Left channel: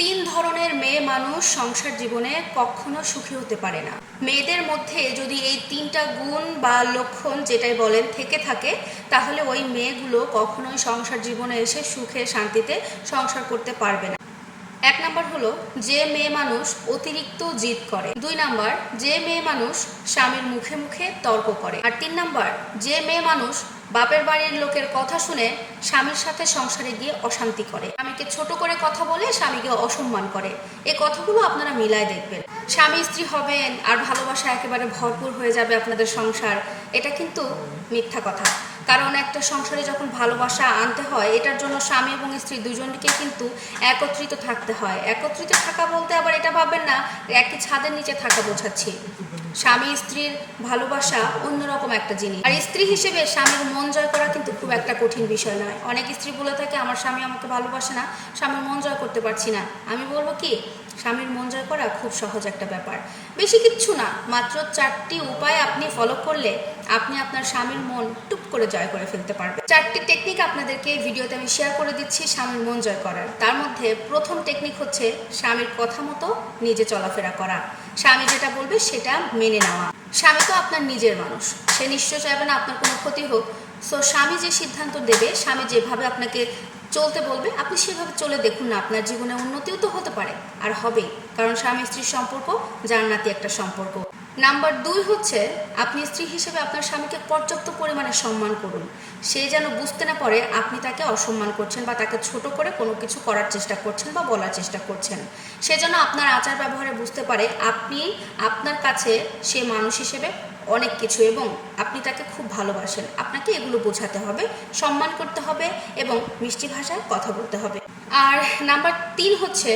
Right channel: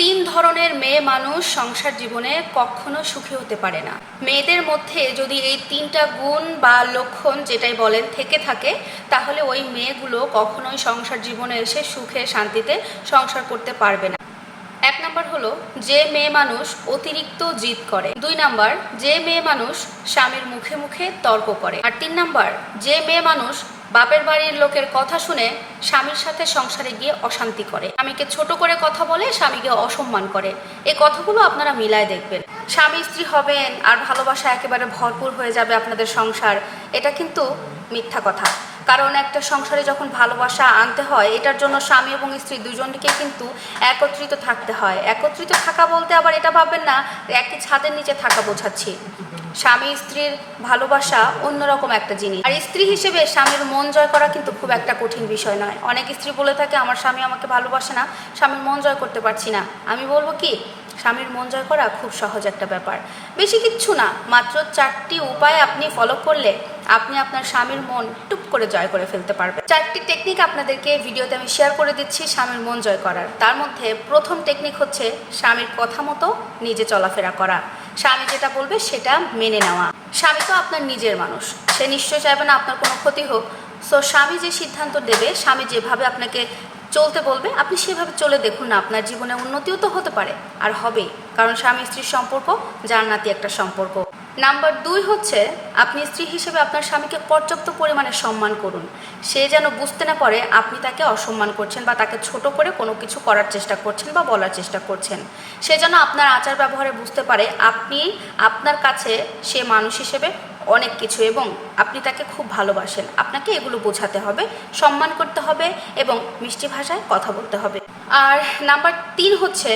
তিন ধরনের মেয়ে মানুষ সংসার জীবনে কখনো সুখী হতে পারে না। মেয়েদের মধ্যে যদি এই তিনটা গুণ বা লক্ষণ যেটাই বলেন থেকে থাকে, তাহলে ওই মেয়েগুলো কখনোই সংসার জীবনে এসে সুখে, শান্তিতে সংসার করতে পারবে না। এক নাম্বার হলো, যে মেয়ে মানুষ অতিরিক্ত জিদ করে। দুই নাম্বার, যে মেয়ে মানুষ স্বামীর মুখে মুখে তর্ক করে। আর তিন নাম্বার, যে মেয়ে মানুষ বাপের বাড়ির লোকের কথা শুনে স্বামীর সাথে সংসারে গিয়ে অশান্তি করে। স্বামীকে ছোট করে কথা বলে স্বামীকে অসম্মান করে। এই কথাগুলো আপনারা মিলায় দেখবেন। স্বামী স্ত্রী হবেন আর ভালোবাসা একেবারে ভরপুর হয়ে যাবে আপনাদের সংসার, এটা কিন্তু মিথ্যা কথা। কারণ একটা সংসারে যখন ভালোবাসা আনতে হয়, এটার জন্য স্বামী এবং স্ত্রী দুজনকে কিন্তু একত্রিত থাকতে হয়। একত্রিত থাকা বলতে আবার এটা ভাববেন না, একই ছাদের নিচে থাকা বোঝাচ্ছি। স্বামী স্ত্রীর ভালোবাসা অন্যরকম একটা জিনিস। আর স্ত্রী হিসেবে স্বামীর মন জয় করা কিন্তু খুব একটা কঠিন বিষয় নয়। অনেক স্ত্রী বলে থাকে, আমার স্বামী আমাকে ভালোবাসে না স্বামীর মন জয় করতে পারছি না। আমি বলব কি, স্বামীর মন জয় করা খুব সহজ একটা ব্যাপার। বেশি কিচ্ছু না, মাত্র চারটি উপায় আপনি ফলো করলে আপনি আপনার স্বামীর মন টুপ করে জয় করে ফেলতে পারবেন। চারটি টেকনিক আপনাদেরকে ভিডিওতে আমি শেয়ার করে দিচ্ছি স্বামীর মন জয় করার। তার মধ্যে প্রথম টেকনিক হচ্ছে স্বামীর কথা মতো নিজে চলাফেরা করা। স্বামী যেটা বলবে সেটা মেনে নেওয়া। স্বামী তো আপনার নিজের মানুষ। সে নিশ্চয় চাইবে না আপনার কোনো ক্ষতি হোক। সো স্বামী যে সিদ্ধান্ত দেবে, স্বামী যেভাবে আপনাকে চলতে বলবে, আপনি সেভাবে চলে দেখুন না। আপনার জীবনে উন্নতিও তো হতে পারে, আর হবেই। কারণ স্বামী স্ত্রীর সম্পর্ক জান্নাতি একটা সম্পর্ক। নাম্বার দুই হচ্ছে, আপনি স্ত্রী হিসেবে আপনার স্বামীকে পর্যাপ্ত পরিমাণে সম্মান করুন। সে যেন বুঝতে না পারে আপনি তাকে অসম্মান করছেন বা তাকে ছোট করে কোনো কিছু করার চেষ্টা করছেন বা বলার চেষ্টা করছেন। সে যেন আপনার আচার ব্যবহারে বুঝতে পারে আপনি, আপনার কাছে সে মানুষ হিসেবে অনেক কিছু এবং আপনি তাকে খুব ভালোবাসেন। আপনাকে এগুলো বোঝাতে হবে, সম্মান করতে হবে এবং মিষ্টি ভাষায় কথা বলতে হবে। আর নাম্বার তিন হচ্ছে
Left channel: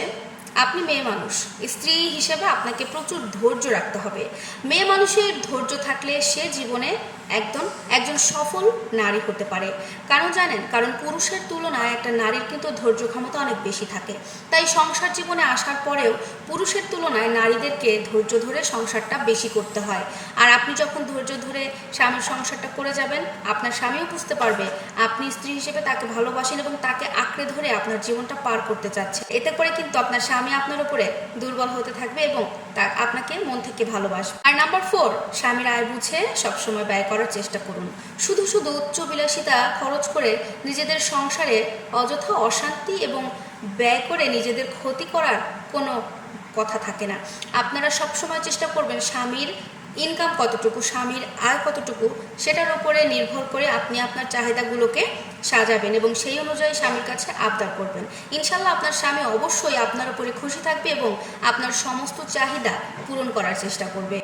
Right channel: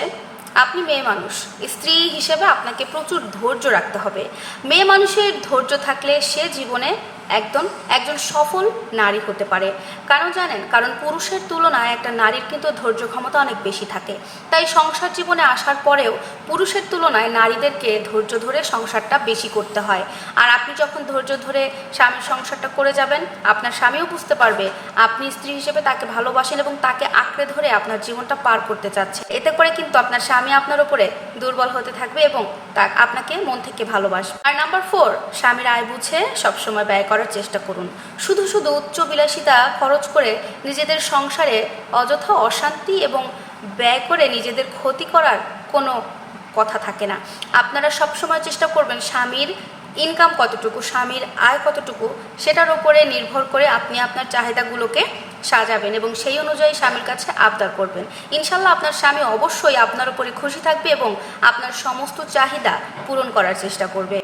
আপনি মেয়ে মানুষ। স্ত্রী হিসেবে আপনাকে প্রচুর ধৈর্য রাখতে হবে। মেয়ে মানুষের ধৈর্য থাকলে সে জীবনে একদম একজন সফল নারী হতে পারে। কারণ জানেন, কারণ পুরুষের তুলনায় একটা নারীর কিন্তু ধৈর্য ক্ষমতা অনেক বেশি থাকে। তাই সংসার জীবনে আসার পরেও পুরুষের তুলনায় নারীদেরকে ধৈর্য ধরে সংসারটা বেশি করতে হয়। আর আপনি যখন ধৈর্য ধরে স্বামীর সংসারটা করে যাবেন, আপনার স্বামীও বুঝতে পারবে আপনি স্ত্রী হিসেবে তাকে ভালোবাসেন এবং তাকে আঁকড়ে ধরে আপনার জীবনটা পার করতে চাচ্ছে এতে করে কিন্তু আপনার স্বামী আপনার উপরে দুর্বল হতে থাকবে এবং তা আপনাকে মন থেকে ভালোবাসবে। আর নাম্বার ফোর, স্বামীর আয় বুঝে সবসময় ব্যয় করার চেষ্টা করুন। শুধু শুধু উচ্চ বিলাসিতা খরচ করে নিজেদের সংসারে অযথা অশান্তি এবং ব্যয় করে নিজেদের ক্ষতি করার কোনো কথা থাকে না। আপনারা সবসময় চেষ্টা করবেন স্বামীর ইনকাম কতটুকু, স্বামীর আয় কতটুকু, সেটার উপরে নির্ভর করে আপনি আপনার চাহিদাগুলোকে সাজাবেন এবং সেই অনুযায়ী স্বামীর কাছে আবদার করবেন। ইনশাল্লাহ আপনার স্বামী অবশ্যই আপনার উপরে খুশি থাকবে এবং আপনার সমস্ত চাহিদা পূরণ করার চেষ্টা করবে।